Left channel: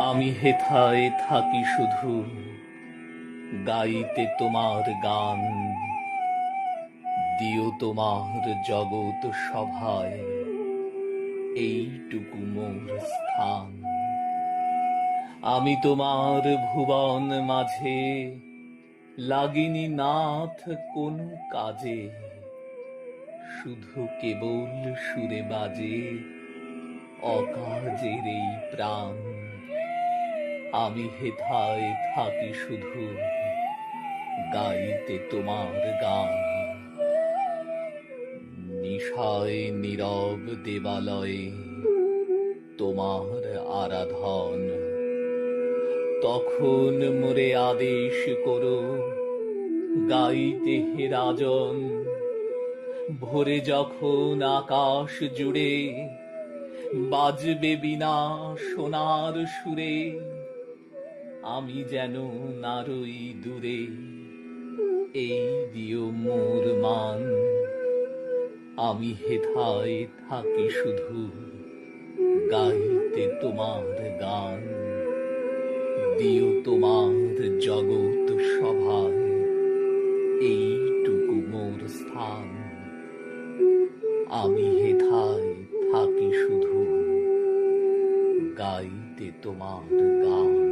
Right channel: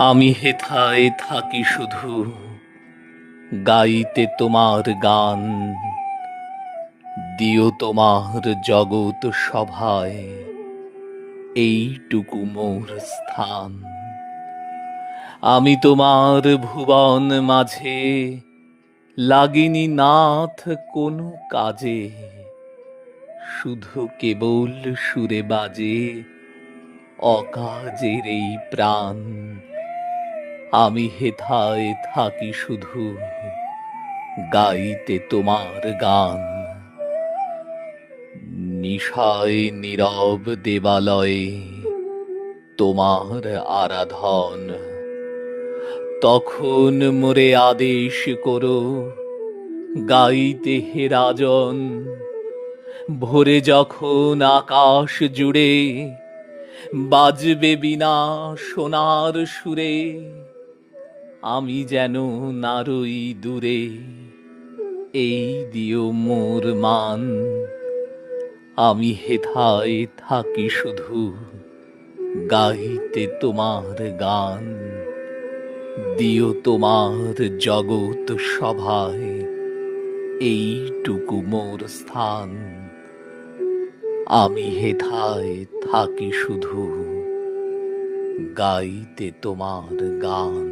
আমি হেথায় থাকি শুধু গাইতে তোমার গান। দিও তোমার জগৎ সভায় এইটুকু মোর স্থান। আমি তোমার ভুবন মাঝে লাগিনি নাথ কোনো কাজে, শুধু কেবল সুরে বাজে অকাজের এই প্রাণ। আমি হেথায় থাকি শুধু গাইতে তোমার গান। নিশায় নীরব দেবালয়ে তোমার আরাধন, তখন মোরে আদেশ করো গাইতে হে রাজন। ভোরে যখন আকাশ জুড়ে বাজবে বীণা সোনার সুরে, আমি যেন নারই দূরে এই দিও মোর মান। আমি হেথায় থাকি শুধু গাইতে তোমার গান। দিও তোমার জগৎ সভায় এইটুকু মোর স্থান। আমি হেথায় থাকি শুধু গাইতে তোমার গান।